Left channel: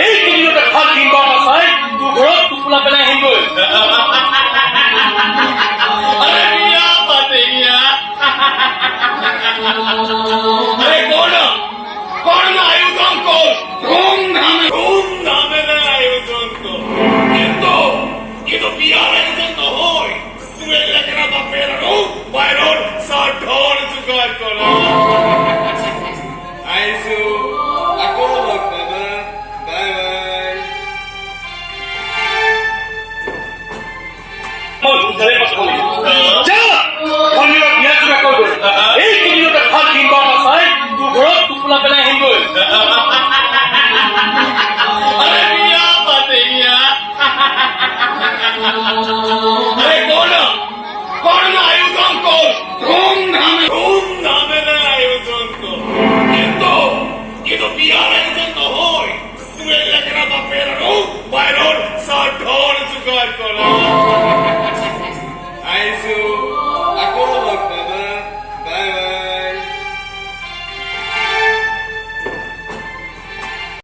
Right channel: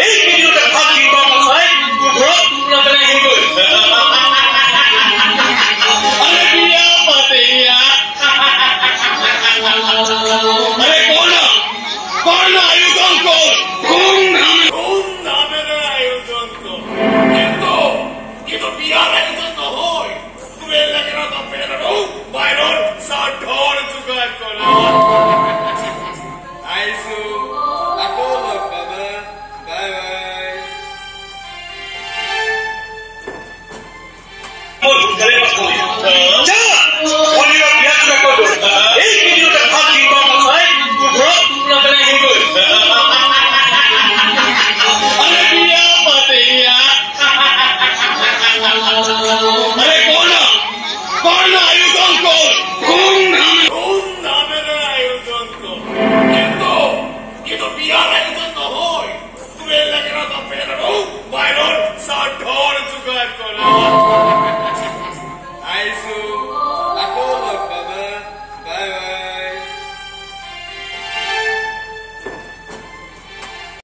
এই কেইদিনতে ভাল কিনবা নাচাই তোৰ ঘৰত টোপোলা পেলাই আহিবই अरे बिया पातिया अरे कौन आयोजन को धूमधाम आयोजन को কিন্তু বিয়ার আয়োজন নহয় তুমি এলাকার বাপের আৰু বাইৰৰ সাধন যোগাৰ কৰা আইছো আকৌ লগ পাবা বাই বাই মই ধৰে পাবো যা শনিবাৰ বিয়া চুৰা কৰিব এই কেইদিনতে ভাল কিনবা নাচাই তোৰ ঘৰত টোপোলা পেলাই আহিবই अरे बिया पातिया अरे कौन आयोजन को ধूমধাম আয়োজন को কিন্তু বিয়ার আয়োজন নহয় তুমি এলাকার বাপের আৰু বাইৰৰ সাধন যোগাৰ কৰা